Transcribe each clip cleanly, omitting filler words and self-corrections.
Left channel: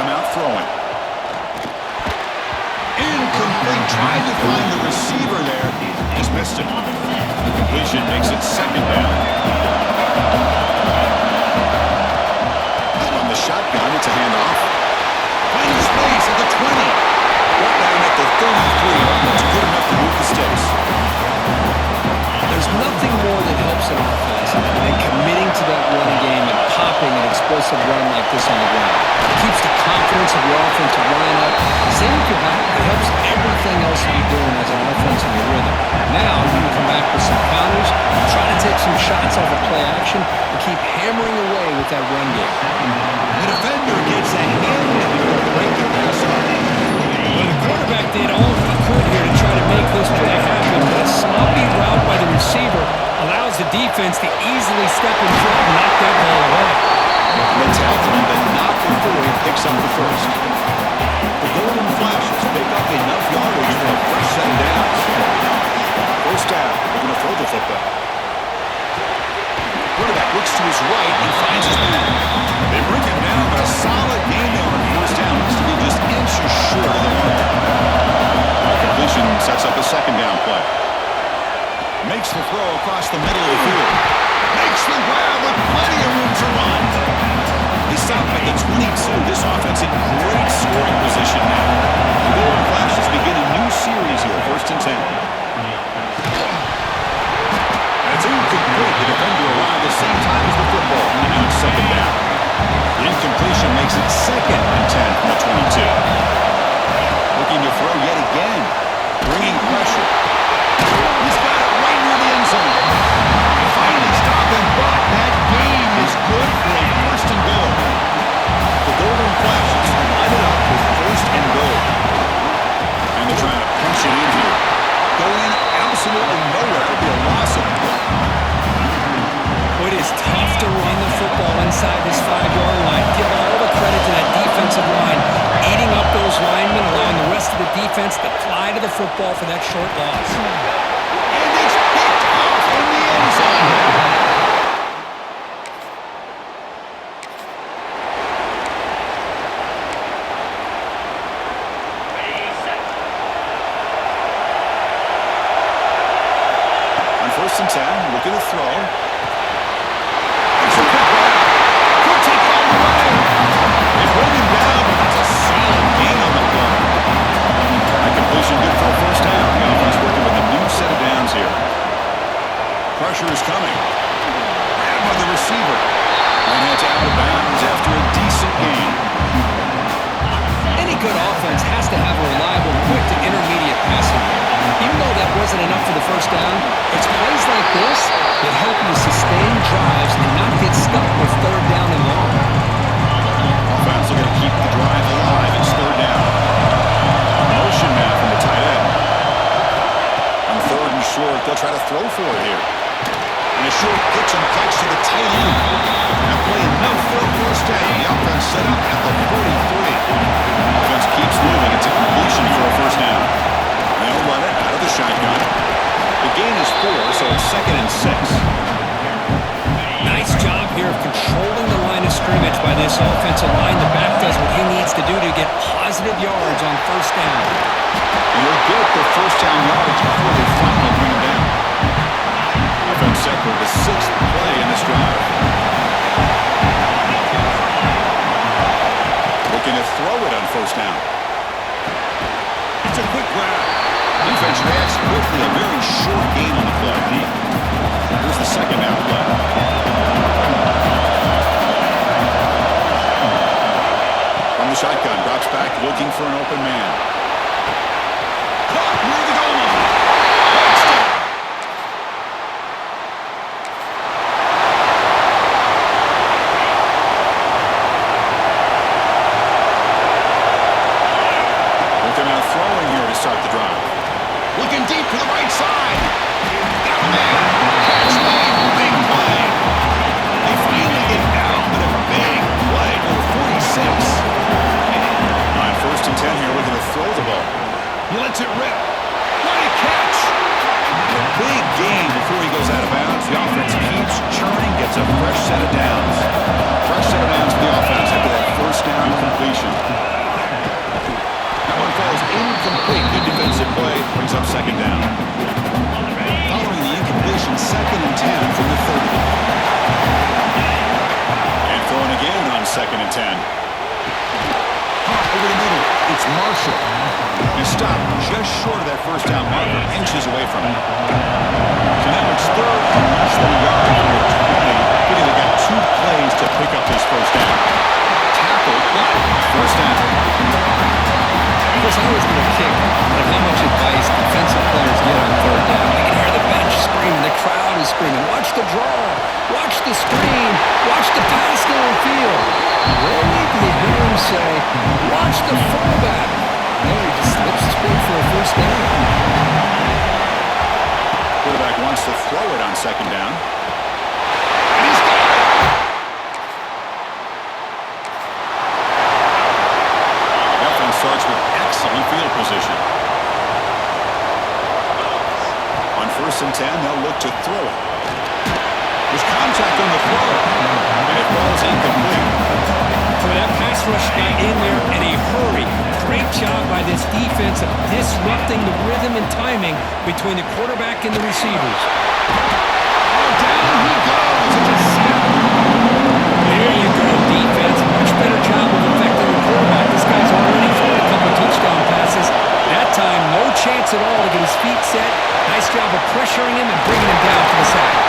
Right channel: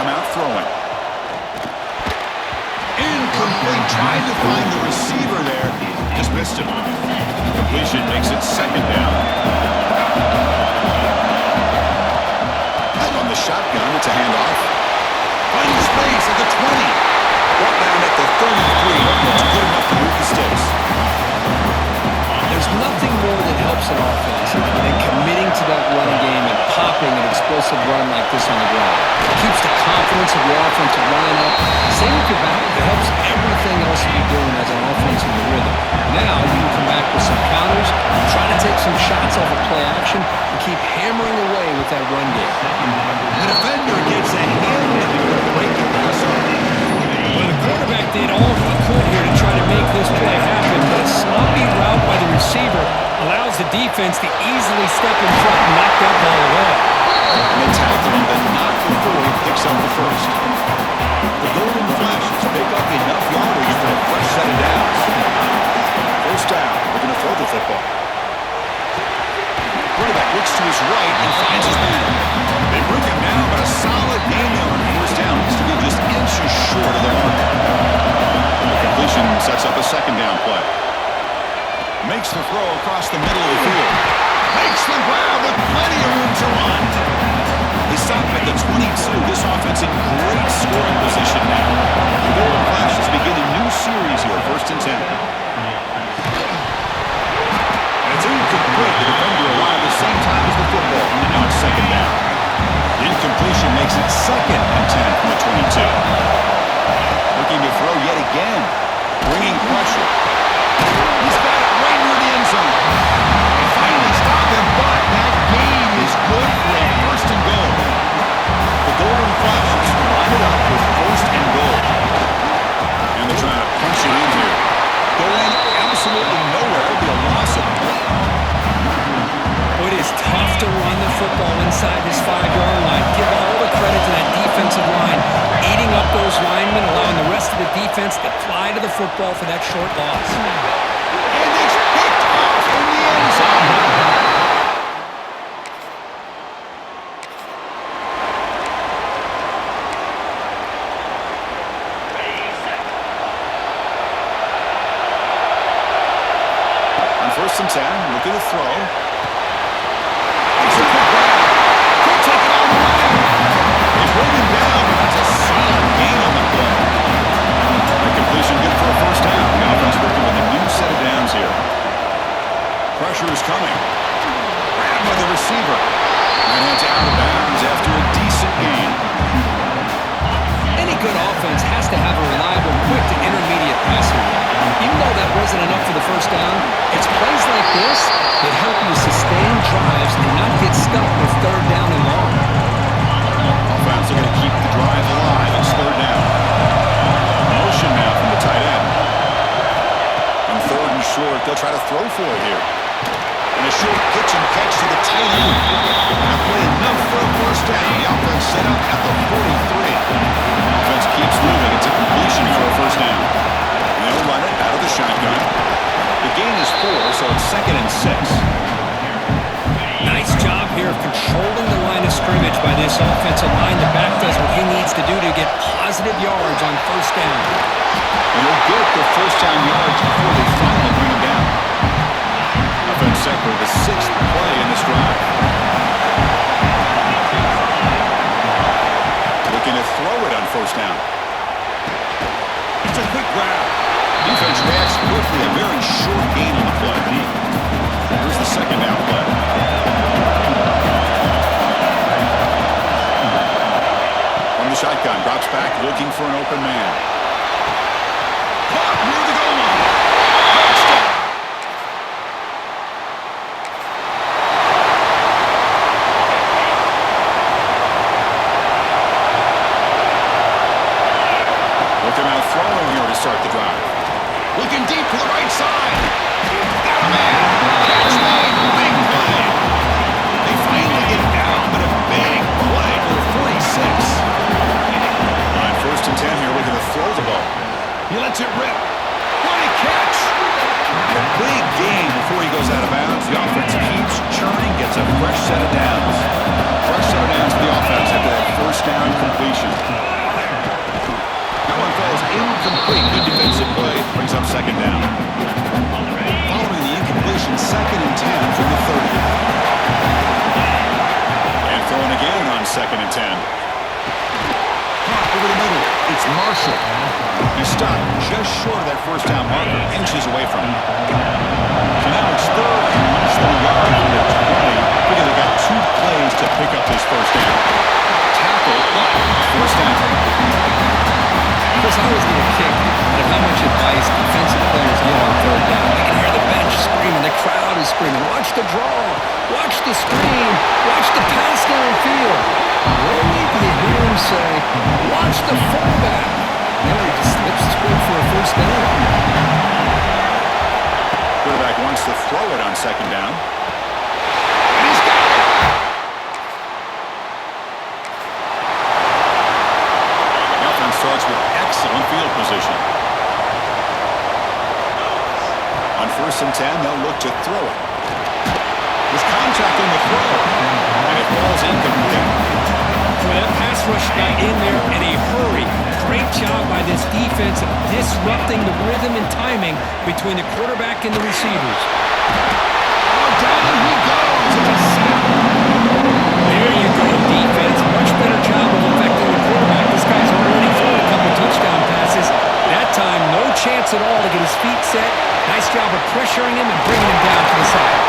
come out throwing. Incomplete. Tried to find the receiver there. Just missed him. Completion makes it second down. From the shotgun, it's a handoff. Finding space at the 20. Brought down at the 33. That's good enough to move the sticks. There's nothing more that helps an offense than committing to that running game and popping an explosive run like this on the ground. It keeps the confidence of your offensive line up. Same with your back. It helps everything else you're doing as an offense in your rhythm. Now you can come back with some counters, try to take some shots off of play action, and keep hammering away with that run game. The defender gets a hand to break the pass up. Well, the quarterback did all he could here to try to make this play happen, but a sloppy route by the receiver allows the defense to easily step in front and knock that ball away. And they tackled him, but not before he picks up the first. The Golden Flashes pick up enough yardage for a fresh set of downs. First down, they're going to throw the football. Quarterback looks to his right and finds his man. They bring him down, but a solid gain there on first down. Looks to be just inches short of the mark. The completion sets up a second down play. Makes the throw across the middle of the field. Makes the grab with plenty of room to run. They stop at the 22. This offense in great scoring position now. The Golden Flashes begin a new series here, 1st and 10. And it's incomplete. The defender arrived the same time as the football, and now it's second down. The incompletion makes it 2nd and 10 from the 22. Looking to throw yet again. Bringing pressure. He's got it right near the end zone. They finally stop him, but that gain is good for a 1st and goal. The Golden Flashes line it up with 1st and goal. And they're trying to punch it in here. Going absolutely nowhere. It'll be a loss of one. It is tough to run the football inside this 5-yard line. Give all the credit to that defensive line, eating up those linemen, allowing the rest of the defense to fly to the football for that short loss. And it's picked off in the end zone. On 1st and 10, look at the throw. It's a quick grab. Could take it all the way. They bring him down, but that's a solid gain on the play. That completion good for a 1st down. The offense working with a new set of downs here. Pressure is coming. Grabbed by the receiver. And heads out of bounds after a decent gain. Any good offense has to have a reliable, quick to intermediate passing game. Even though that wasn't enough for the 1st down, it's plays like this that help you sustain drives and not get stuck with 3rd down and long. Offense looking to keep the drive alive. It's 3rd down. Motion now from the tight end. On 3rd and short, they'll try to throw for it here. And a short pitch and catch to the tight end. That play enough for a 1st down. The offense set up at the 43. Offense keeps moving. It's a completion for a 1st down. They'll run it out of the shotgun. The gain is 4, so it's 2nd and 6. Nice job here of controlling the line of scrimmage by this offensive line. The back does what he needs to do to get positive yards on 1st down. And they'll get the 1st down yards before they finally bring him down. Offense set for the 6th play in this drive. Looking to throw it on 1st down. It's a quick grab. Defense reacts quickly. A very short gain on the play. Here's the 2nd down play. From the shotgun, drops back looking for an open man. Caught near the goal line. Touchdown. Looking out throwing here to start the drive. Looking deep to the right side. Got a man. Catch made. Big play. They finally get down, but a big play for the 46. On 1st and 10 here, looking to throw the ball. He lets it rip. What a catch. A big gain before he goes out of bounds. The offense keeps churning. returning gets a fresh set of downs. Fresh set of downs for the offense after that first down completion. That one falls incomplete. Good defensive play. Brings up second down. Following the incompletion, 2nd and 10 from the 30. And throwing again on 2nd and 10. Hot over the middle. It's Marshall. He stopped just short of that first down marker, inches away from it. So now it's 3rd and less than a yard from the 20. Because they got 2 plays to pick up this first down. Tackle, what? First down. Chris, I always get a kick out of how much advice defensive players get on 3rd down. You can hear the bench screaming, the crowd is screaming, watch the draw, watch the screen, watch the pass downfield. Rarely do you hear him say, watch the fullback. There he just slips straight for a first down. Quarterback wants to throw it on 2nd down. And he's got it. The offense starts with excellent field position. On 1st and 10, they'll look to throw it. There's contact on the throw, and it falls incomplete. Well, that pass rush got in there in a hurry. Great job by this defense of disrupting the rhythm and timing between the quarterback and the receivers. Oh, down he goes. It's a snap. There you go, defense. Much better job of affecting the quarterback. This guy's already thrown a couple touchdown passes. That time, no chance at all to get his feet set. Nice job of pressuring him and bringing him down to the side.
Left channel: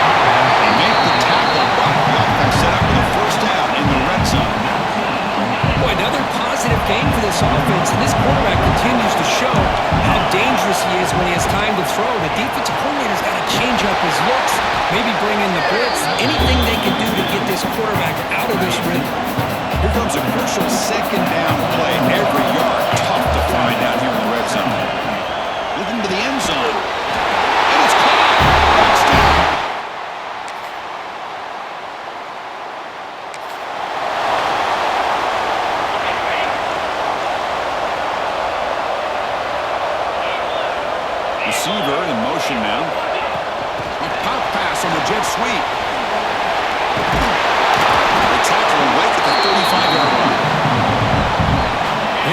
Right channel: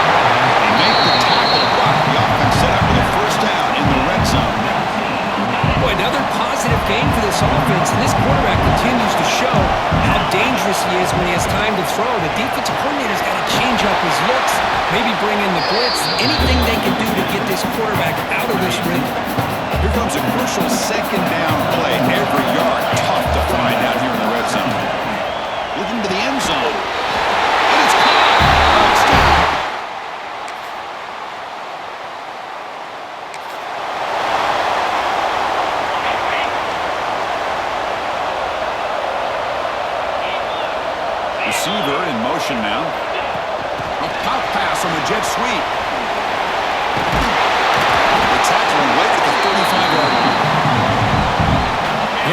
They make the tackle, but the offense set up for the first down in the red zone. Boy, another positive game for this offense, and this quarterback continues to show how dangerous he is when he has time to throw. The defensive coordinator's got to change up his looks, maybe bring in the blitz, anything they can do to get this quarterback out of this rhythm. Here comes a crucial 2nd down play. Every yard tough to find down here in the red zone. Looking to the end zone. And it's caught. Touchdown. Receiver in motion now. A pop pass on the jet sweep. They tackle him late at the 35-yard line.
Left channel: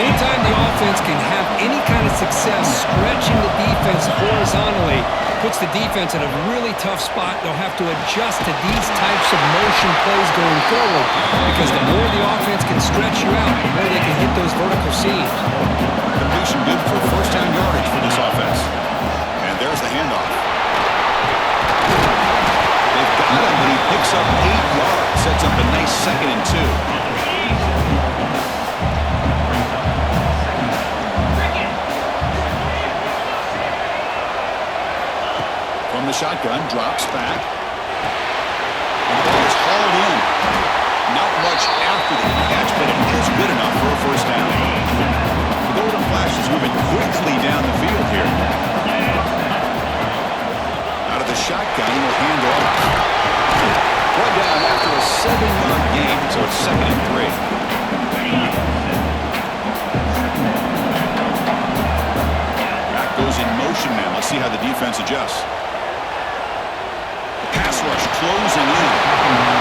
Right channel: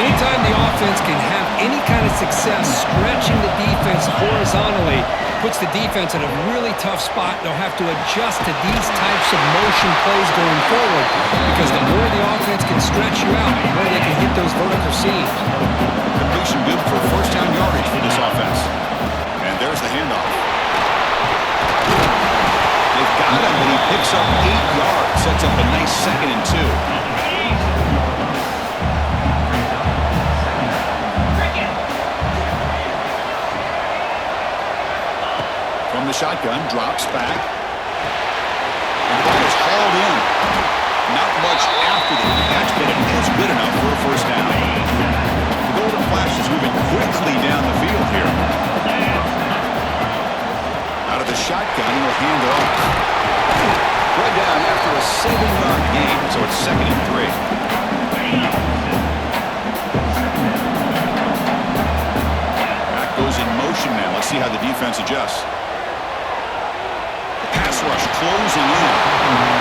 Anytime the offense can have any kind of success stretching the defense horizontally, puts the defense in a really tough spot. They'll have to adjust to these types of motion plays going forward because the more the offense can stretch you out, the more they can hit those vertical seams. Completion good for first down yardage for this offense. And there's the handoff. They've got him, but he picks up 8 yards. Sets up a nice 2nd and 2. From the shotgun, drops back. And the ball is hauled in. Not much after the catch, but it is good enough for a first down. The Golden Flash is moving quickly down the field here. Out of the shotgun, he'll hand it off. Brought down after a 7-yard gain, so it's 2nd and 3. Back goes in motion now. Let's see how the defense adjusts. Pass rush closing in.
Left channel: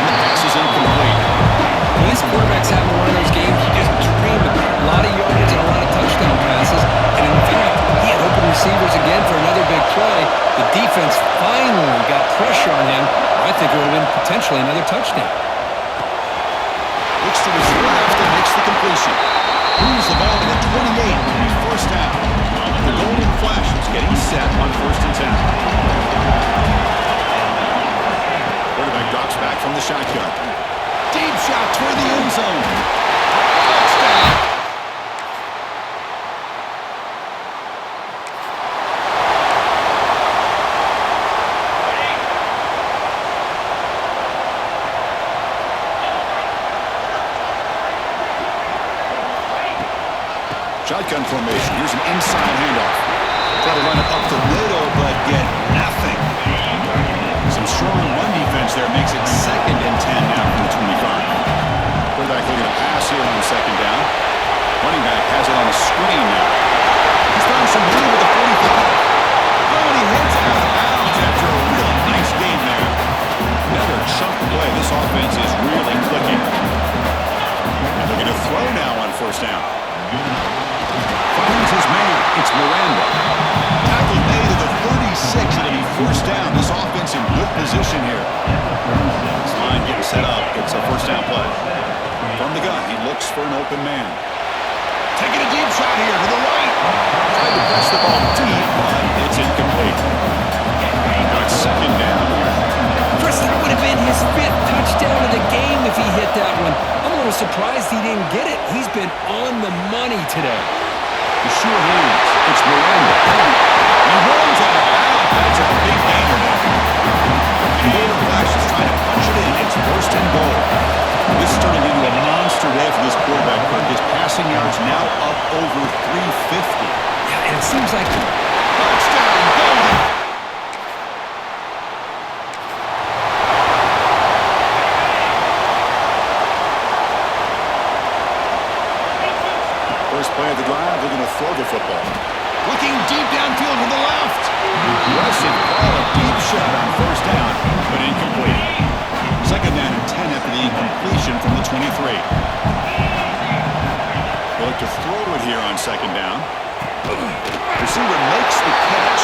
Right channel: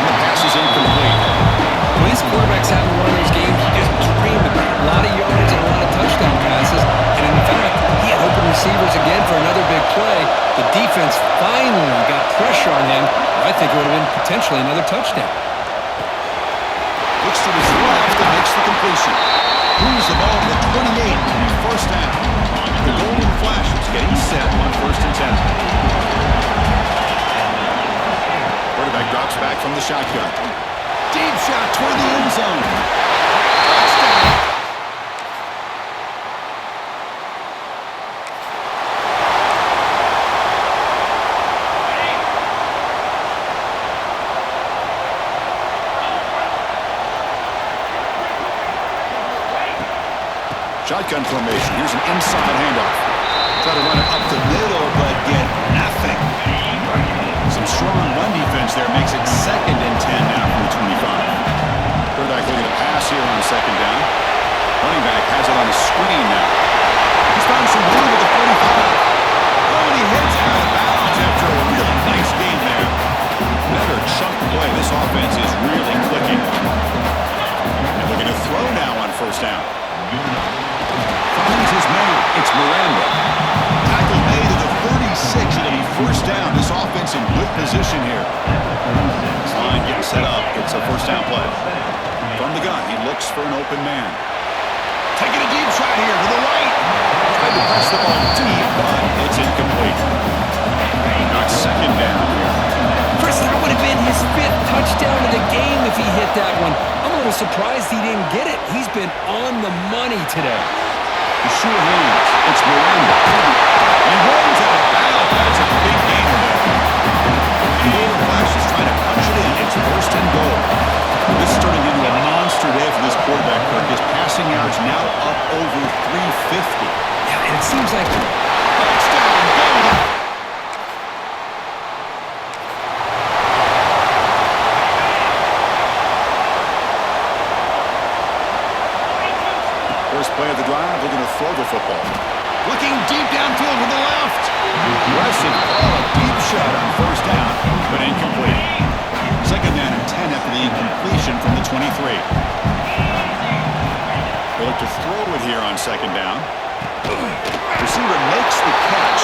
The pass is incomplete. Well, this quarterback's having one of those games you just dream about. A lot of yards and a lot of touchdown passes. And in fact, he had open receivers again for another big play. The defense finally got pressure on him. I think it would have been potentially another touchdown. Looks to his left and makes the completion. Moves the ball to the 28. First down. The Golden Flash is getting set on 1st and 10. Quarterback drops back from the shotgun. Deep shot toward the end zone. Touchdown. Shotgun formation. Here's an inside handoff. Try to run it up the middle, but get nothing. Some strong run defense there makes it 2nd and 10 now from the 25. Quarterback looking to pass here on 2nd down. Running back has it on a screen now. He's found some room at the 45. Oh, and he hits out of bounds after a really nice game there. Another chunk play. This offense is really clicking. And looking to throw now on first down. Finds his man. It's Miranda. Tackle made at the 36. It'll be first down. This offense in good position here. This line getting set up. It's a first down play. From the gun, he looks for an open man. Taking a deep shot here to the right. Tried to press the ball deep, but it's incomplete. Now it's second down here. Chris, that would have been his 5th touchdown of the game if he hit that one. I'm a little surprised he didn't get it. He's been on the money today. The sure hands. It's Miranda. He rolls out of bounds. That's a big gainer there. Gainer Flash is trying to punch it in. It's first and goal. This is turning into a monster day for this quarterback, Kirk. His passing yards now up over 350. Yeah, and it seems like Touchdown, Golden. First play of the drive, they're going to throw the football. Looking deep downfield to the left. Aggressive call, a deep shot on first down, but incomplete. Second down and 10 after the incompletion from the 23. They look to throw it here on second down. Receiver makes the catch.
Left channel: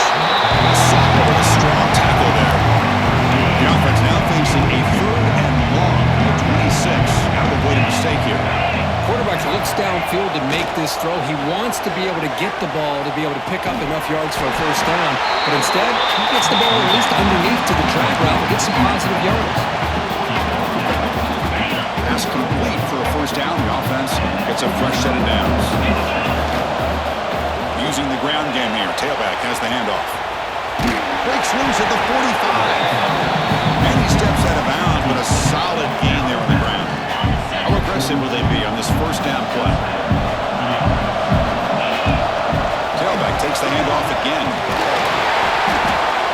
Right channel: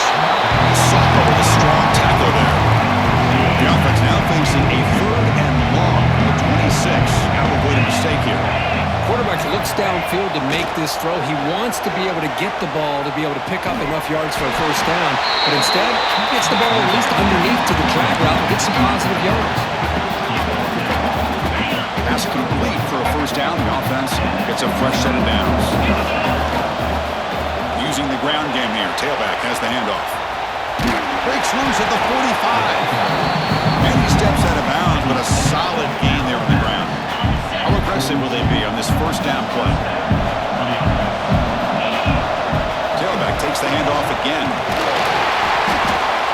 Sophomore with a strong tackle there. The offense now facing a third and long from the 26. Got to avoid a mistake here. quarterback looks downfield to make this throw. He wants to be able to get the ball to be able to pick up enough yards for a first down, but instead, he gets the ball at least underneath to the drag route and gets some positive yards. Pass complete for a first down. The offense gets a fresh set of downs. Using the ground game here. Tailback has the handoff. Breaks loose at the 45. And he steps out of bounds, but a solid gain there on the ground. How aggressive will they be on this first down play? Tailback takes the handoff again.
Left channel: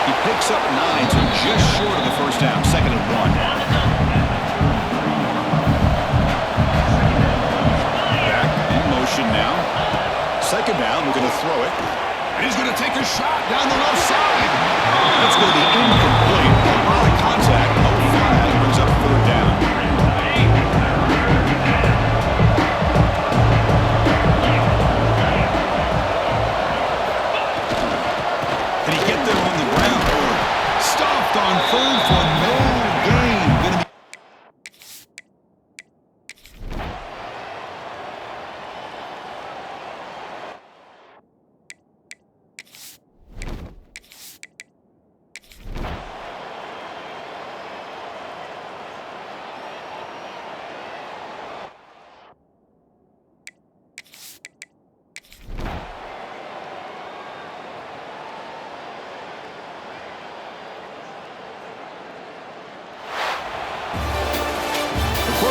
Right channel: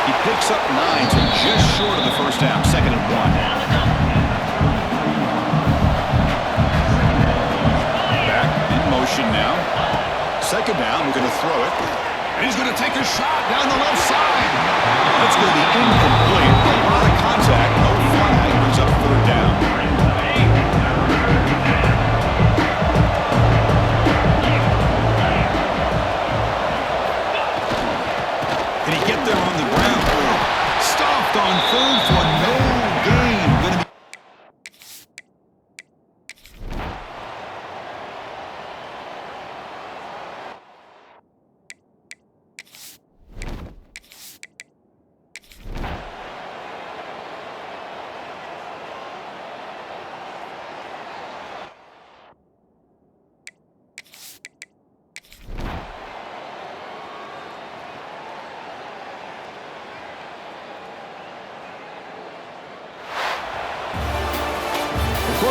He picks up 9, so just short of the first down. Second and 1. Motion now. Second down, we're going to throw it. And he's going to take a shot down the left side. That's going to be incomplete. A lot of contact, no flag, brings up third down. Can he get there on the ground? Stopped on third for no gain. Going to be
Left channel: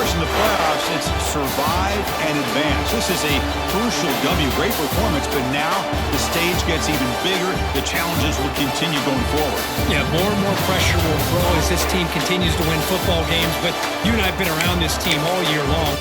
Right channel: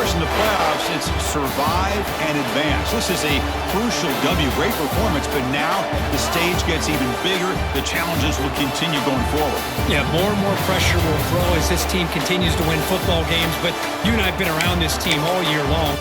in the playoffs, it's survive and advance. This is a crucial W. Great performance, but now the stage gets even bigger. The challenges will continue going forward. Yeah, more and more pressure will grow as this team continues to win football games, but you and I have been around this team all year long.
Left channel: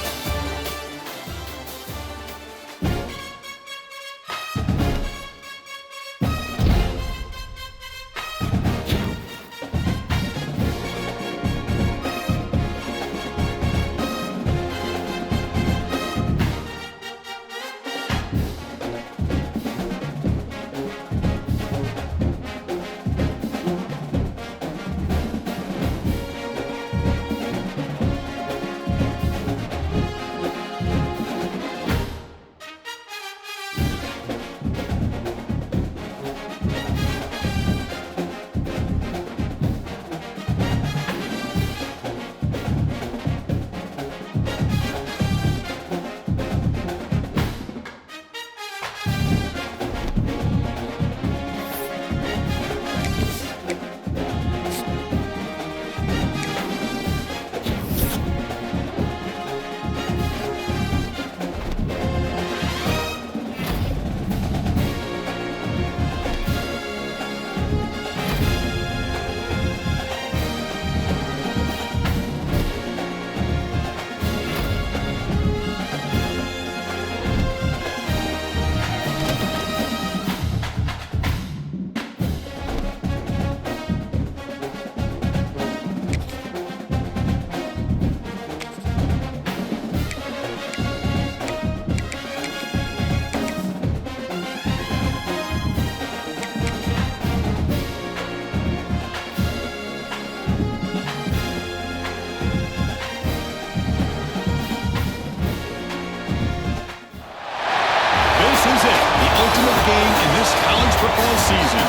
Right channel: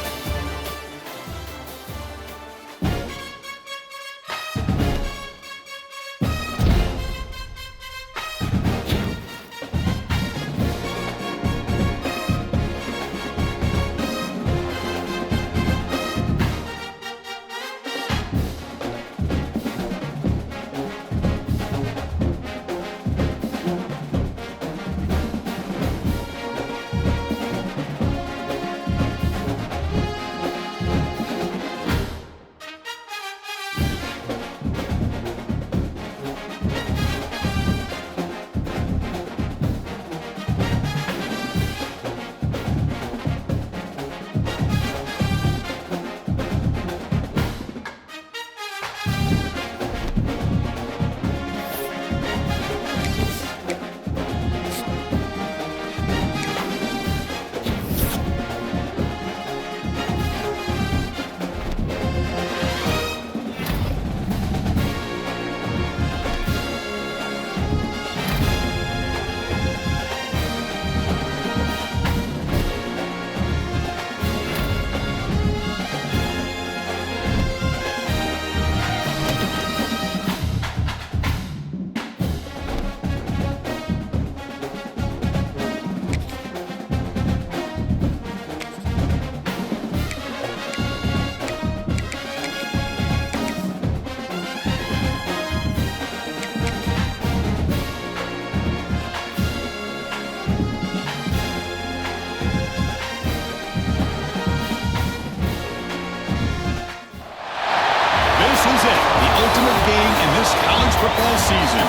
is it, the ultimate game in this college football season.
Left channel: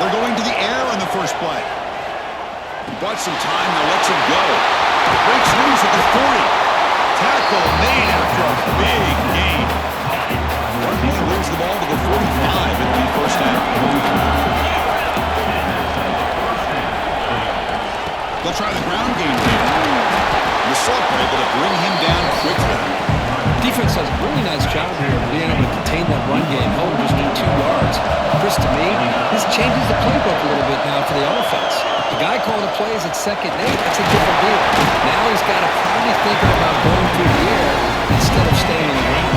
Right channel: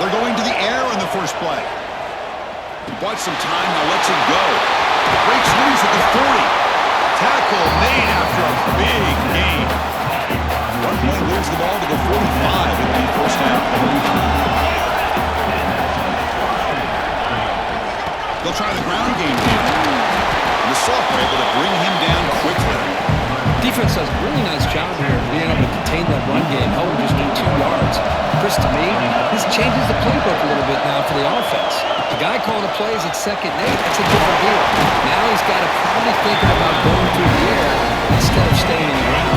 They're going to the air on the first play. He bought some time, now lets it go. Breaks loose at the 40. Tackle made after a big gain. One play moves the ball to the 45 at the first down. They'll try the ground game here. The Soft were able to bring him down quickly. Defense does a really nice job here of being able to contain that run game, held him just to 2 yards. Chris, to me, this changes the playbook a little bit now for the offense. The guy calling the plays at 2nd and 8, that's a different deal. Now he's got to probably thinking about going through the air instead of staying on the ground.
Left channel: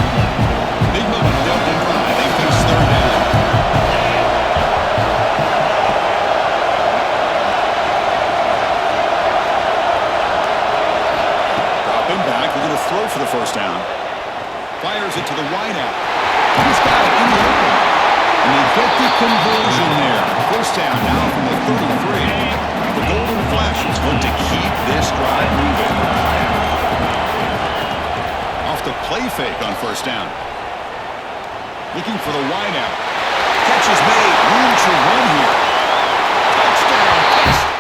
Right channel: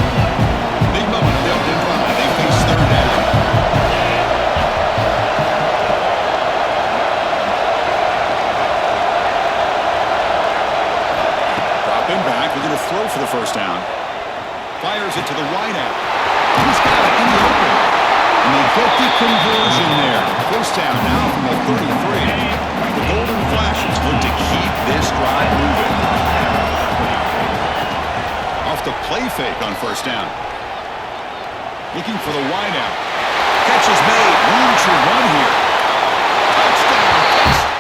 Big moment on the opening drive. They face 3rd down. Dropping back, we're going to throw for the first down. Fires it to the wideout. He's got it in the open. And they get the conversion there. First down now from the 33. The Golden Flashes look to keep this drive moving. Off the play fake on first down. Looking for the wideout. Catch is made. Room to run here. Touchdown. Touchdown.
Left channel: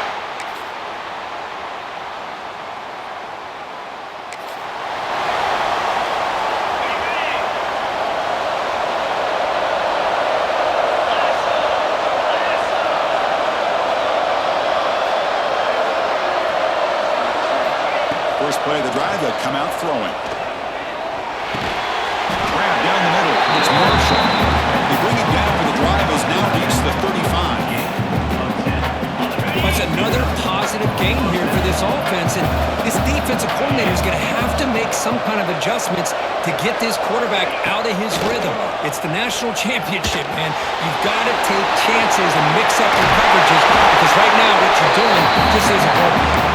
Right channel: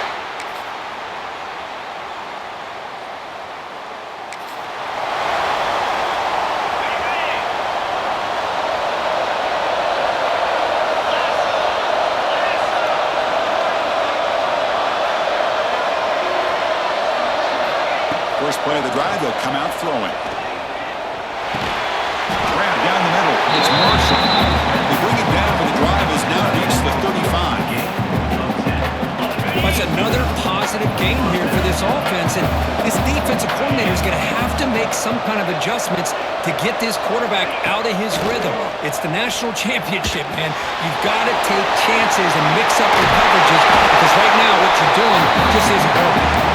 First play of the drive, they'll come out throwing. Grab down the middle. It's Marshall. They bring it down, but the drive has now reached the 35. That's another positive gain here for this offense, and this defensive coordinator is going to have to make some kind of adjustments to get this quarterback out of his rhythm. It's the national championship, man. You've got to take chances and mix up your coverages because right now what you're doing just isn't working.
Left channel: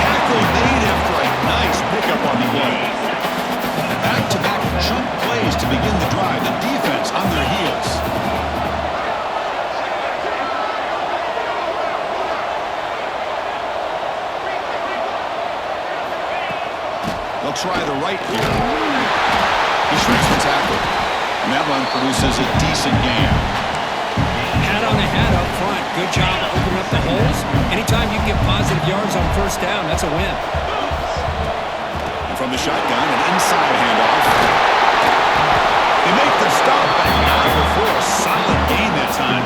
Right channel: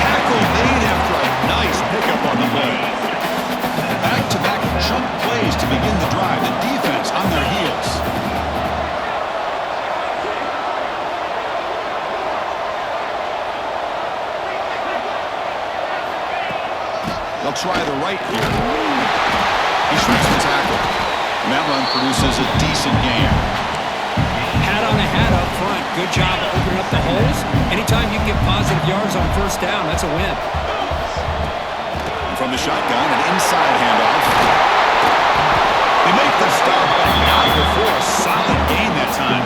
Tackle made after a nice pickup on the play. Back-to-back chunk plays to begin the drive. The defense on their heels. They'll try the right here. He shrinks the tackle. And that run produces a decent gain. Hat on a hat up front. Good job of opening up the holes. Anytime you can get positive yards on first down, that's a win. And from the shotgun, an inside handoff. They make the stop, but not before a solid gain that time.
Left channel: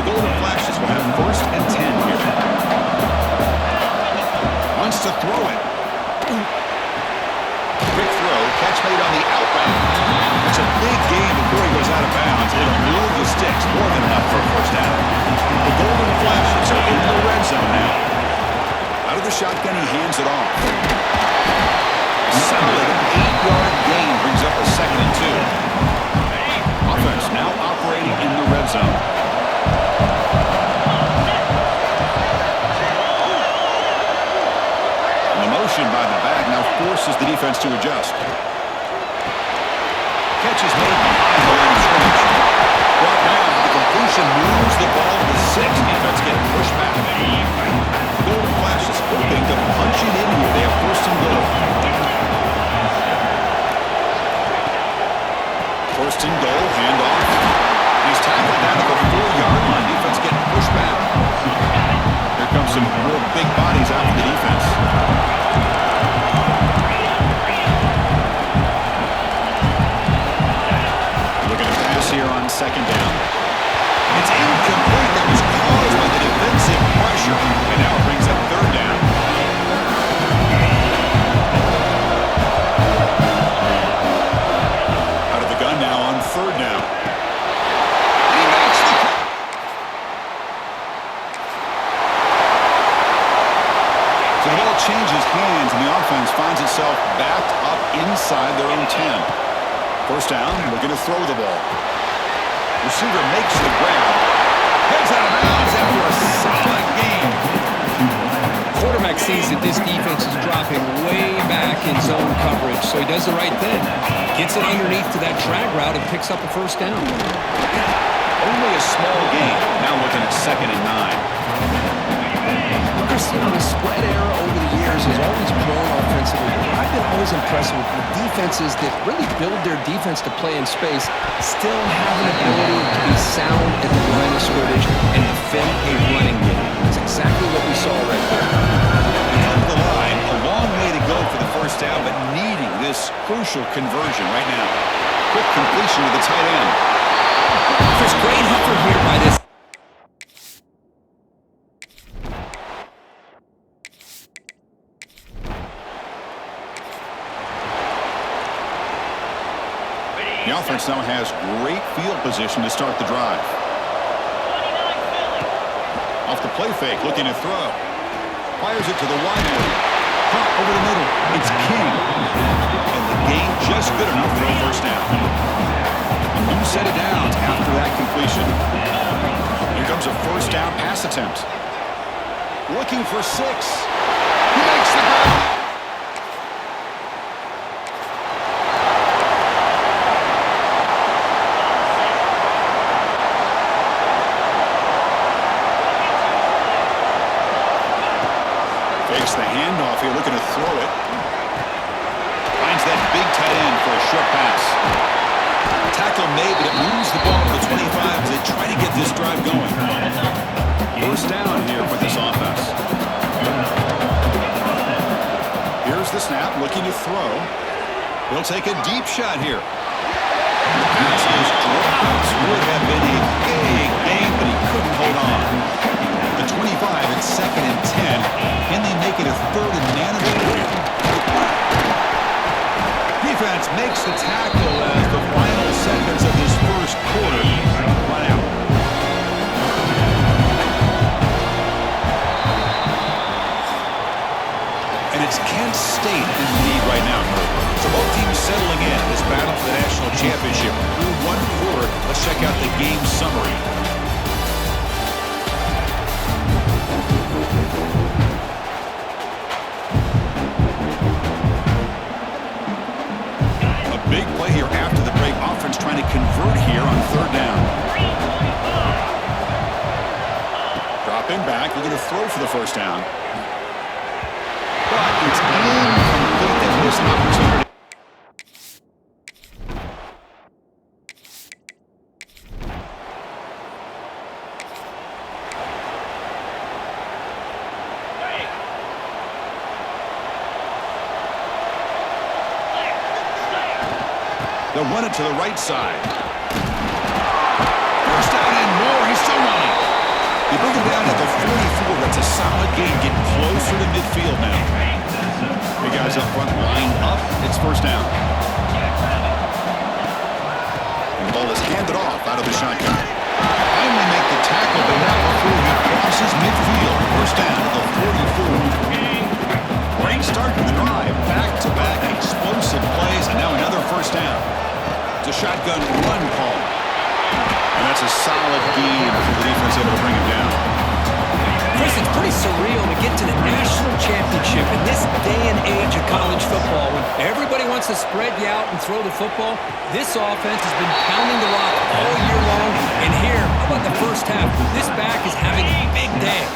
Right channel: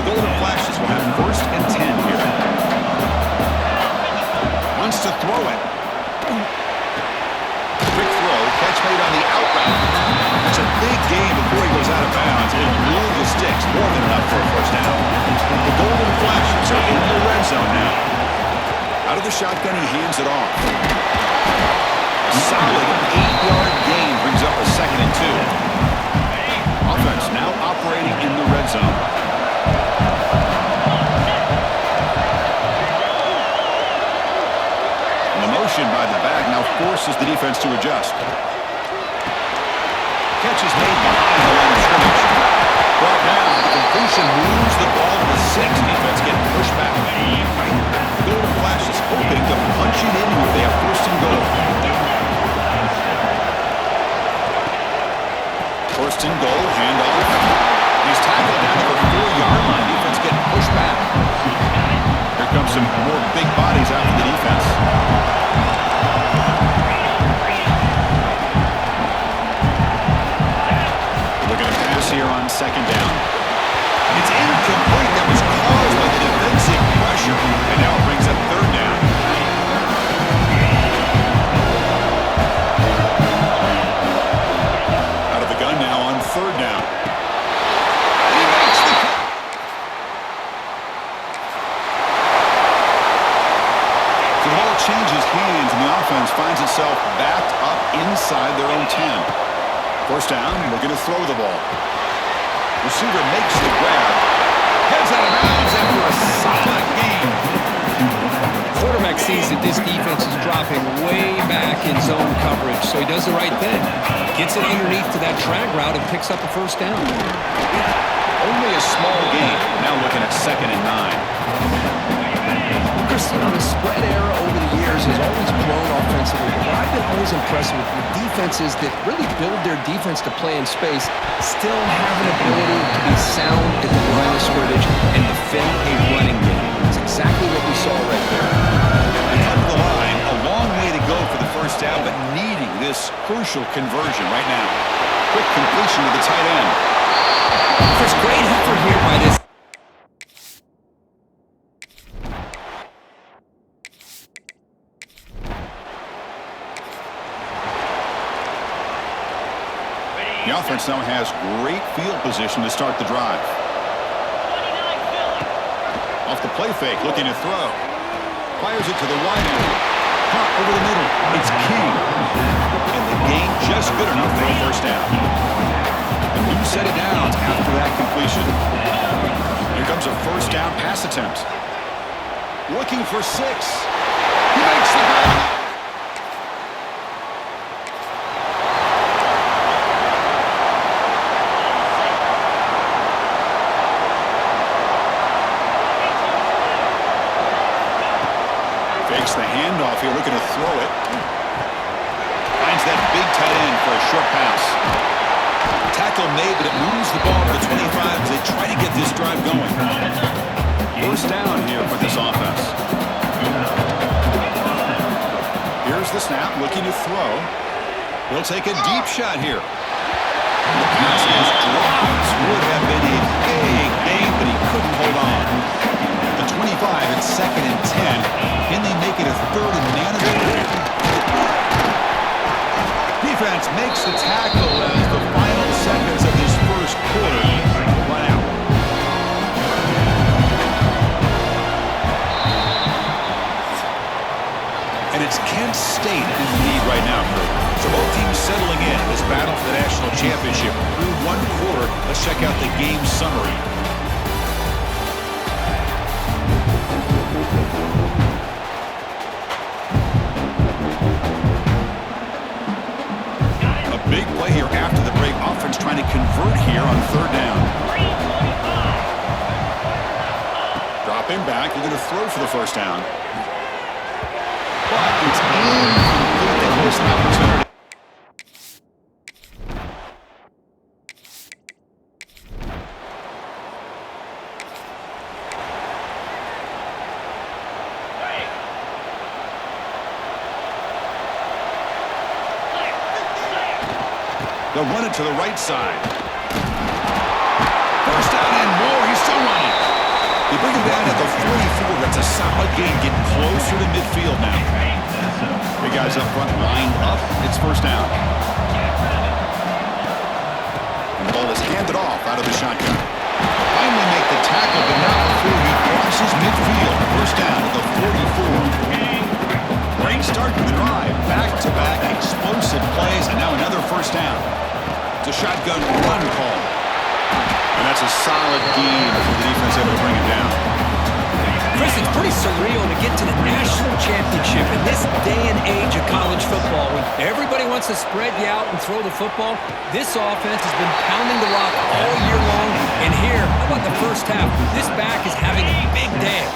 The Golden Flashes will have 1st and 10 here. Wants to throw it. Quick throw, catch made on the out route. That's a big gain before he goes out of bounds. It'll move the sticks, more than enough for a first down. The Golden Flashes are in the red zone now. Out of the shotgun, he hands it off. Solid 8-yard gain brings up a 2nd and 2. Offense now operating in the red zone. Motion by the back now forces the defense to adjust. Catch is made behind the line of scrimmage. Brought down. The completion moves the ball to the 6. Defense getting pushed back. Golden Flashes hoping to punch it in here. They have 1st and goal. 1st and goal. Handoff. He's tackled down to the 4-yard line. Defense getting pushed back. Here comes some more big bodies out for the defense. Looking to pass here on 2nd down. It's incomplete. That was caused by the defensive pressure. And now it brings up 3rd down. Out of the gun now on 3rd down. He makes the cut. So the ball changes hands, and the offense finds itself backed up inside their own 10. 1st down, looking to throw the ball. Receiver makes the grab. Heads out of bounds after a solid gain. quarterback sees that this defense is dropping way back in zone coverage, so he does the right thing. Gets it underneath to that drag route and picks up a first down. Only a small gain. Now looking at 2nd and 9. Chris, you know, the spread era over the years has always grown offensively, but I've been always impressed with defenses that really build their defense to play in space, still have an ability to be sound at the line of scrimmage and defend a running game. That's exactly what we saw right there. They come to the line, a long way to go for the first down, but needing this crucial conversion right now. Quick completion to the tight end. Chris, great effort here by this. The offense now has great field position to start the drive. Off the play fake, looking to throw. Fires it to the wide area. Caught over the middle. It's King. And the gain just good enough for a first down. A new set of downs after that completion. Here comes a first down pass attempt. Looking for 6. He makes the grab. Fakes the handoff here, looking to throw it. Finds that big tight end for a short pass. Tackle made, but it moves the ball to the 25 as they try to get this drive going. First down here for this offense. Here's the snap, looking to throw. He'll take a deep shot here. The pass is dropped. Would have been a big game, but he couldn't hold on. The 25 at 2nd and 10. Can they make it a 3rd and manageable here? Defense makes the tackle as the final seconds of this first quarter run out. And it's Kent State in the lead right now, Kurt. So both teams settling in this battle for the national championship. Through one quarter, let's check out the game summary. A big play here after the break. Offense trying to convert here on 3rd down. Dropping back, looking to throw for the first down. But it's incomplete. They missed an opportunity. They'll run it to the right side. First down and more. He's still running. They bring him down at the 44. That's a solid gain. Getting closer to midfield now. Big guys up front lined up. It's first down. And the ball is handed off out of the shotgun. Finally make the tackle, but not before he crosses midfield. First down at the 44. Great start to the drive. Back-to-back explosive plays, and now another first down. It's a shotgun run call. And that's a solid game for the defense able to bring him down. Chris, it's pretty surreal to get to the national championship in this day and age of college football when everybody wants to spread you out and throw the football. This offense has been pounding the rock all year long. And here, how about the first half? This back is having a big day.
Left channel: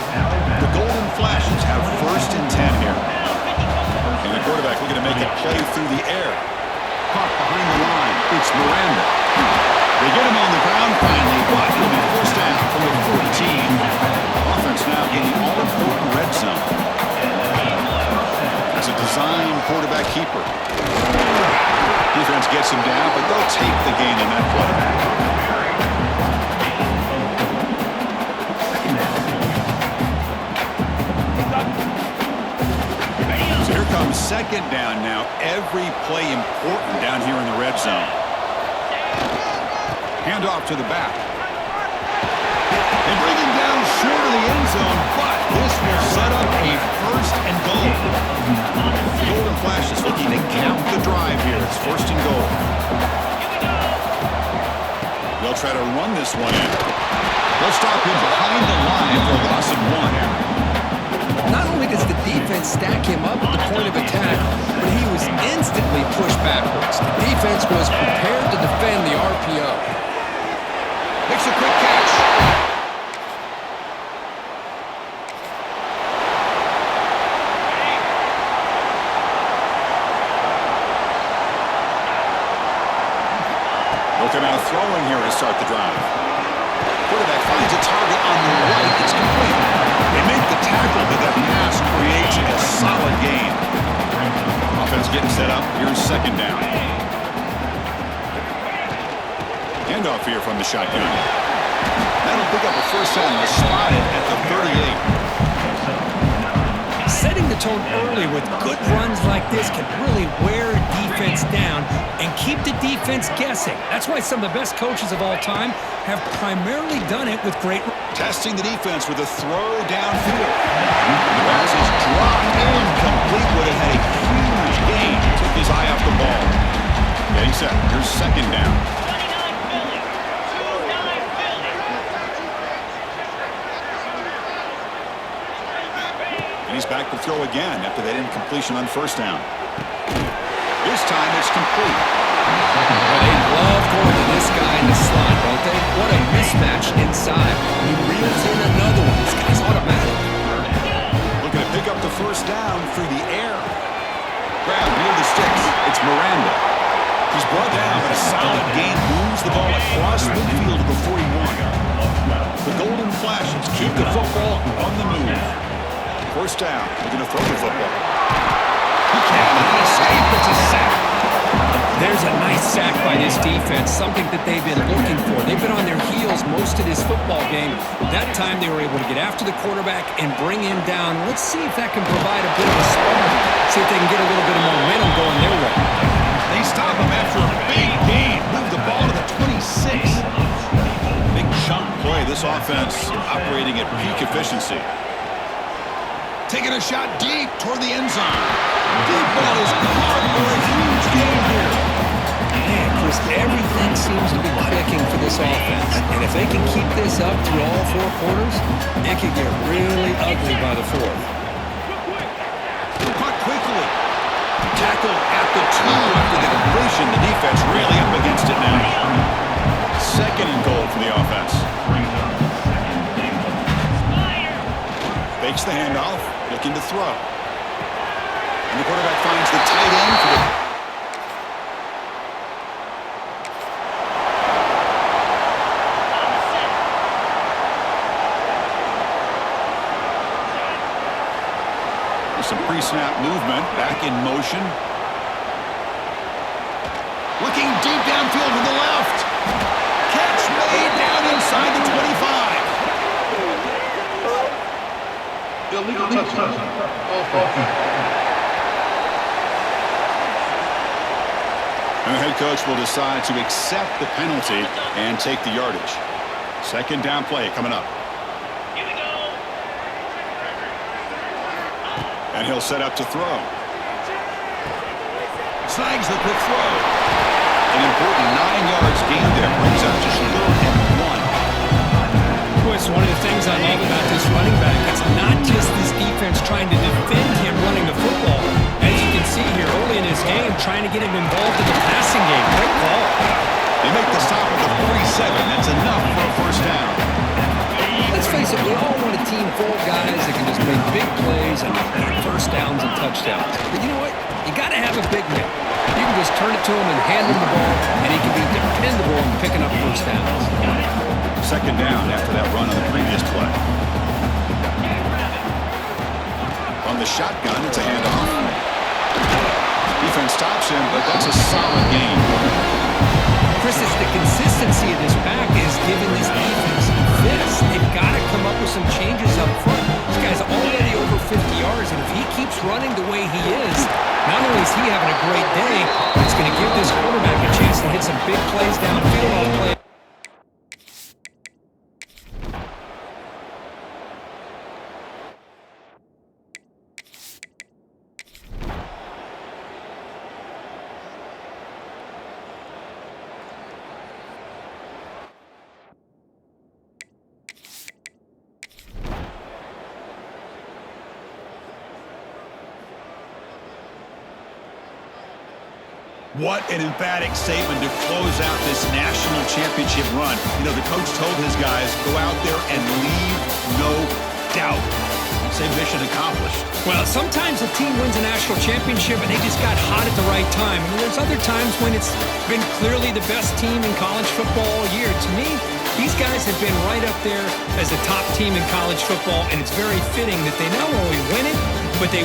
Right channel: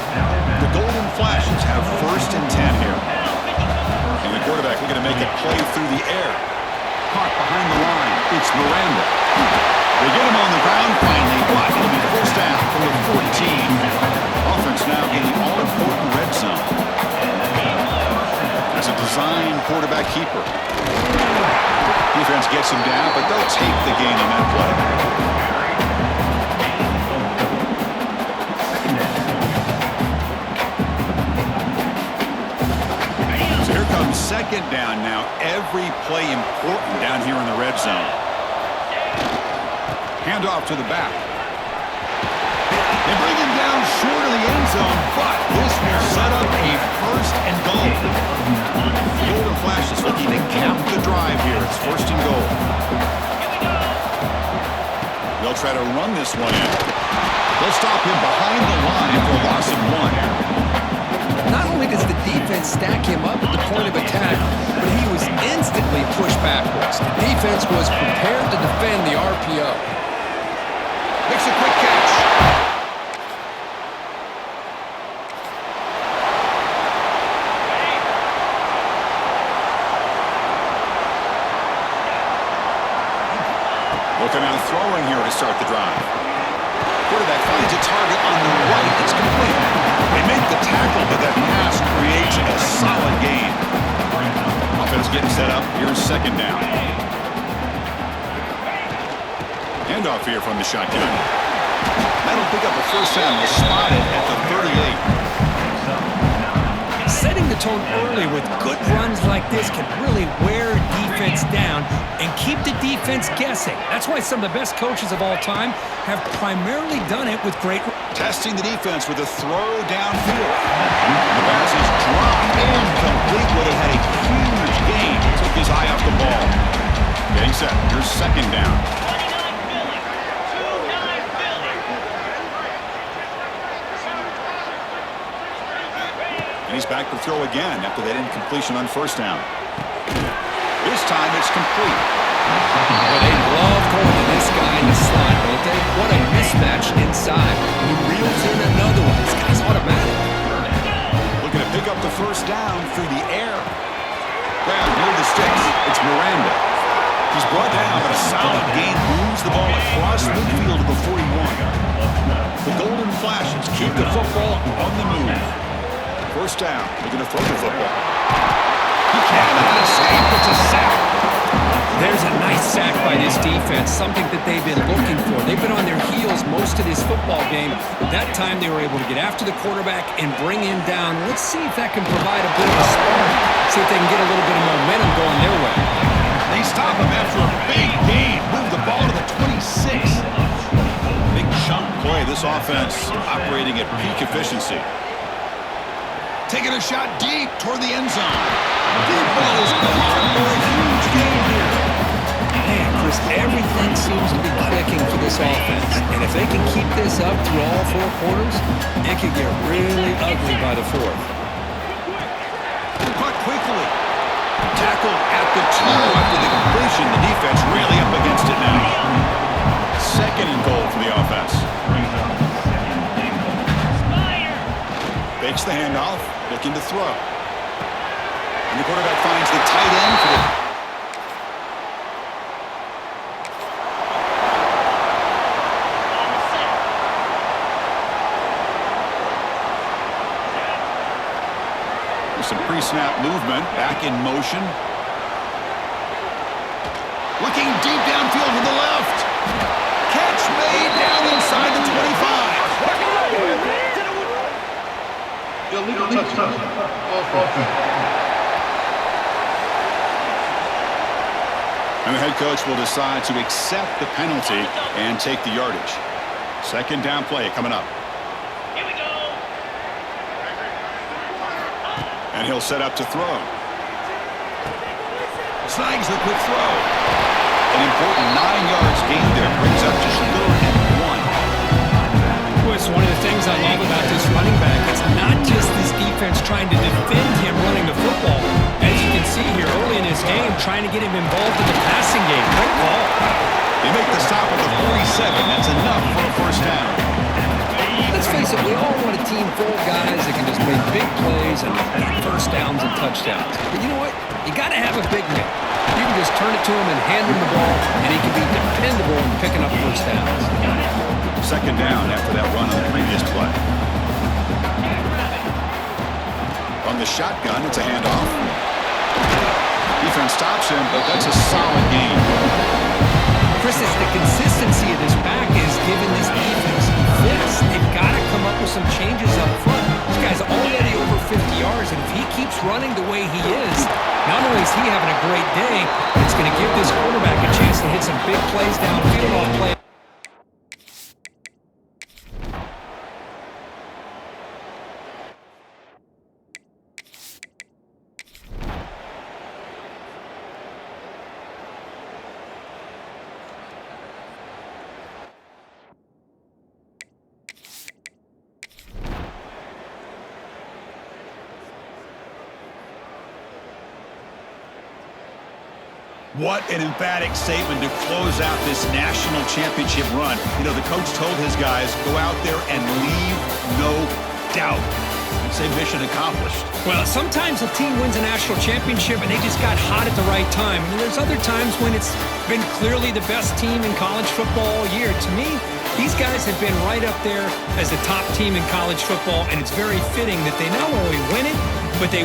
The Golden Flashes have 1st and 10 here. And the quarterback looking to make a play through the air. Caught behind the line. It's Miranda. They get him on the ground finally, but it'll be first down from the 14. Offense now in the all-important red zone. That's a design quarterback keeper. Defense gets him down, but they'll take the gain on that play. So here comes 2nd down now. Every play important down here in the red zone. Handoff to the back. They bring him down short of the end zone, but this will set up a 1st and goal. The Golden Flash is looking to cap the drive here. It's 1st and goal. They'll try to run this one in. They'll stop him behind the line for a loss of 1. Not only does the defense stack him up at the point of attack, but he was instantly pushed backwards. The defense was prepared to defend the RPO. Makes a quick catch. Looking out throwing here to start the drive. Quarterback finds a target on the right. It's complete. They make the tackle, but that pass creates a solid gain. Offense getting set up. Here's second down. Handoff here from the shotgun. That'll pick up a first down. They'll spot it at the 38. Setting the tone early with good runs like this can really wear a defense down and keep the defense guessing. That's why some of the best coaches of all time have primarily done it with great... Testing the defense with a throw downfield. The pass is dropped incomplete. Would have had a huge gain. Took his eye off the ball. Getting set. Here's second down. And he's back to throw again after that incompletion on first down. This time it's complete. Well, they love going to this guy in the slot, don't they? What a mismatch inside. He reels in another one. This guy's automatic. Looking to pick up the first down through the air. Grab near the sticks. It's Miranda. He's brought down, but a solid gain moves the ball across midfield to the 41. The golden flashes keep the football on the move. First down. Looking to throw the football. He cannot escape. It's a sack. There's a nice sack by this defense, something that they've been looking for. They've been on their heels most of this football game. That time they were able to get after the quarterback and bring him down. Let's see if that can provide a bit of a spark. See if they can get a little bit of momentum going their way. They stop him after a big gain. Move the ball to the 26. Big chunk play. This offense operating at peak efficiency. Taking a shot deep toward the end zone. Deep ball is caught for a huge gain here. Man, Chris, everything seems to be clicking for this offense. And if they can keep this up through all four quarters, it could get really ugly by the fourth. Caught quickly. Tackle at the 2 after the completion. The defense really up against it now. Second and goal for the offense. Fakes the handoff, looking to throw. And the quarterback finds the tight end for the... With some pre-snap movement, back in motion. Looking deep downfield to the left. Catch made down inside the 25. Illegal touchdown. And the head coach will decide to accept the penalty and take the yardage. Second down play coming up. Here we go. And he'll set up to throw. Snags the quick throw. An important 9 yards gain there. Brings up just 3rd and 1. It's one of the things I love about this running back. It's not just this defense trying to defend him running the football. As you can see here early in his game, trying to get him involved in the passing game. Great call. They make the stop at the 47. That's enough for a first down. Let's face it, we all want a team full of guys that can just make big plays and get first downs and touchdowns. But you know what? You got to have a big man. You can just turn it to him and hand him the ball, and he can be dependable in picking up first downs. Second down after that run on the previous play. On the shotgun, it's a handoff. Defense stops him, but that's a solid gain. Chris, it's the consistency of this pack is giving this defense this. They've got to come up with some changes up front. This guy's already over 50 yards, and if he keeps running the way he is, not only is he having a great day, but it's going to give this quarterback a chance to hit some big plays downfield on play. What an emphatic statement to close out this national championship run. You know, the coach told his guys, go out there and leave no doubt. I'd say mission accomplished. Well, sometimes a team wins a national championship and they just got hot at the right time. And there's other times when it's been clearly the best team in college football all year. To me, these guys have been right up there as the top team in college football, and it's very fitting that they not only win it, but they